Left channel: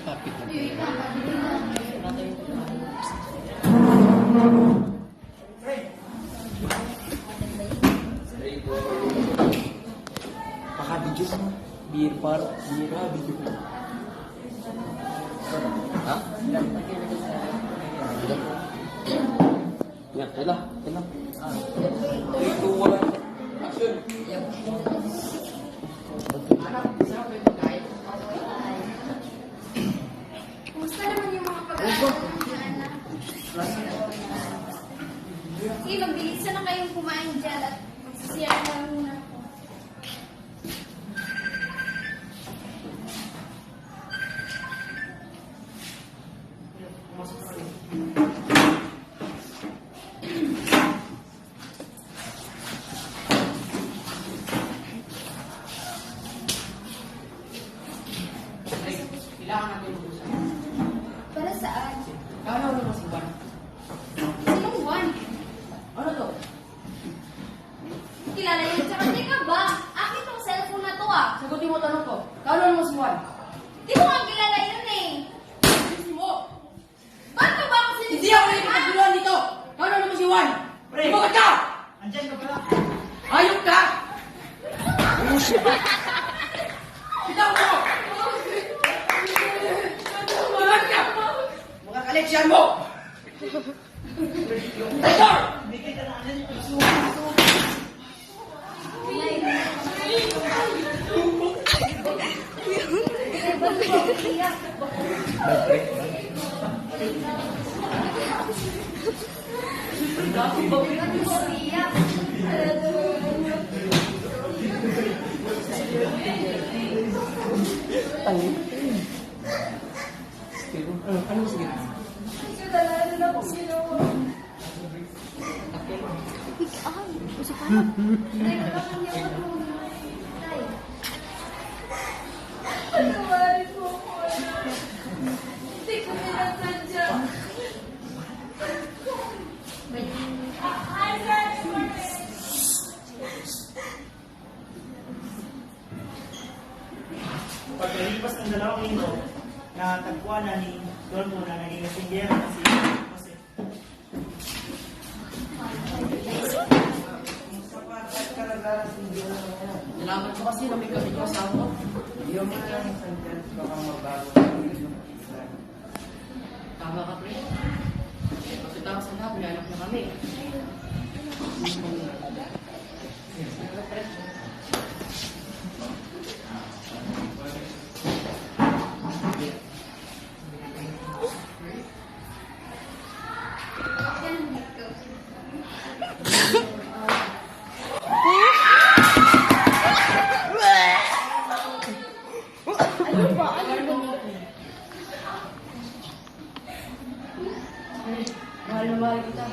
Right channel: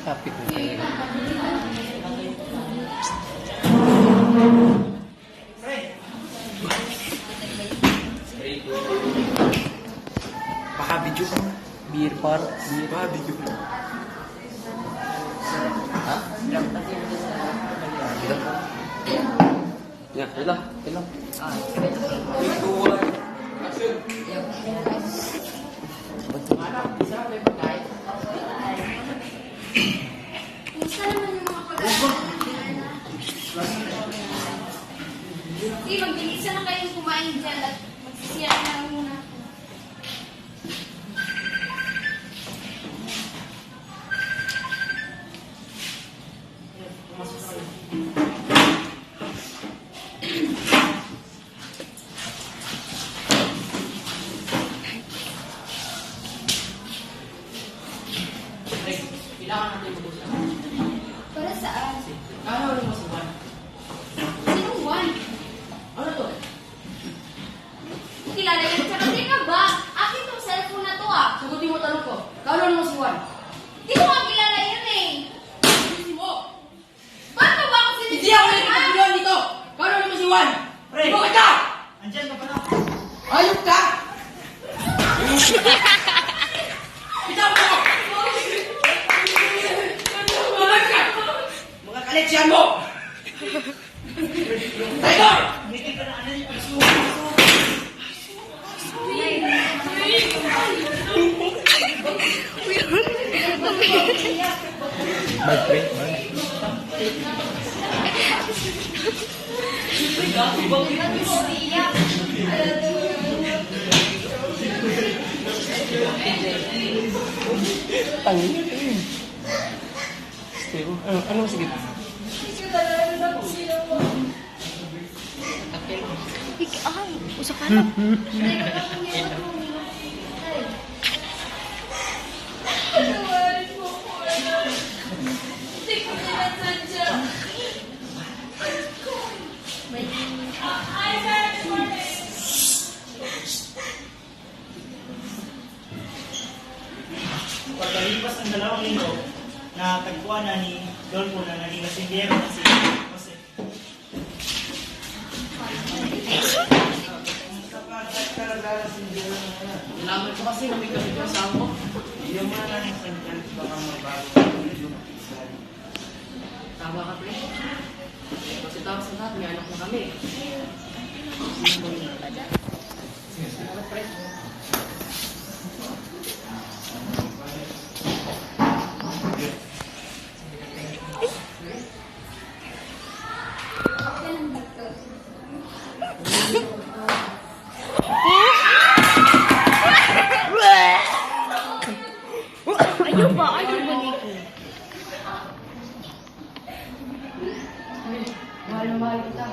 Kapit na talaga. Pakabidyo ka. Beer par. Beer par. Bidyo ka. Ha? Ya, ilang. Ito wala. Kumusta naman yung mga pag-aaral? Sige, magbilisan na kayong kumain dyan at magsisira na lang muna ako. Kailangan natin mag-usap. Para saan? Ano mo si Juan? Sinong Juan? Ano to? Kilala yun siya kasi ka ba? Akin tong cellphone na to ah. Sagutin mo tanong ko. Ano mo si Juan? Di ko nga kilala yun eh. Hindi mo. Ba't mo ba ako sinisipan? Hindi ako nagkakagulan dito. Ano mo si Juan? Pre! Bukod ka! Andyan ka pala. Ayok ka! Bitaw mo! Bukod ka! Mga kaleksyan mo! Tiger! Hindi ka na ano yung aso. Ano sige? Hindi ko sinasadya. Pagkalipas ng 2 linggo, natagpuan na ni Dolfo na naging lasinggero na si Jose. Nalaman ko kasi na may kapit yung asawa mo. Yung mga lang sa dyan, baka mabago. Tama ka, pre. Kasi tawag sa lahat, may anak na kami. Salamat, pre. Yan ang hit ko. Ayaw ba? Ayaw ba nito? Mahal-mahal kita.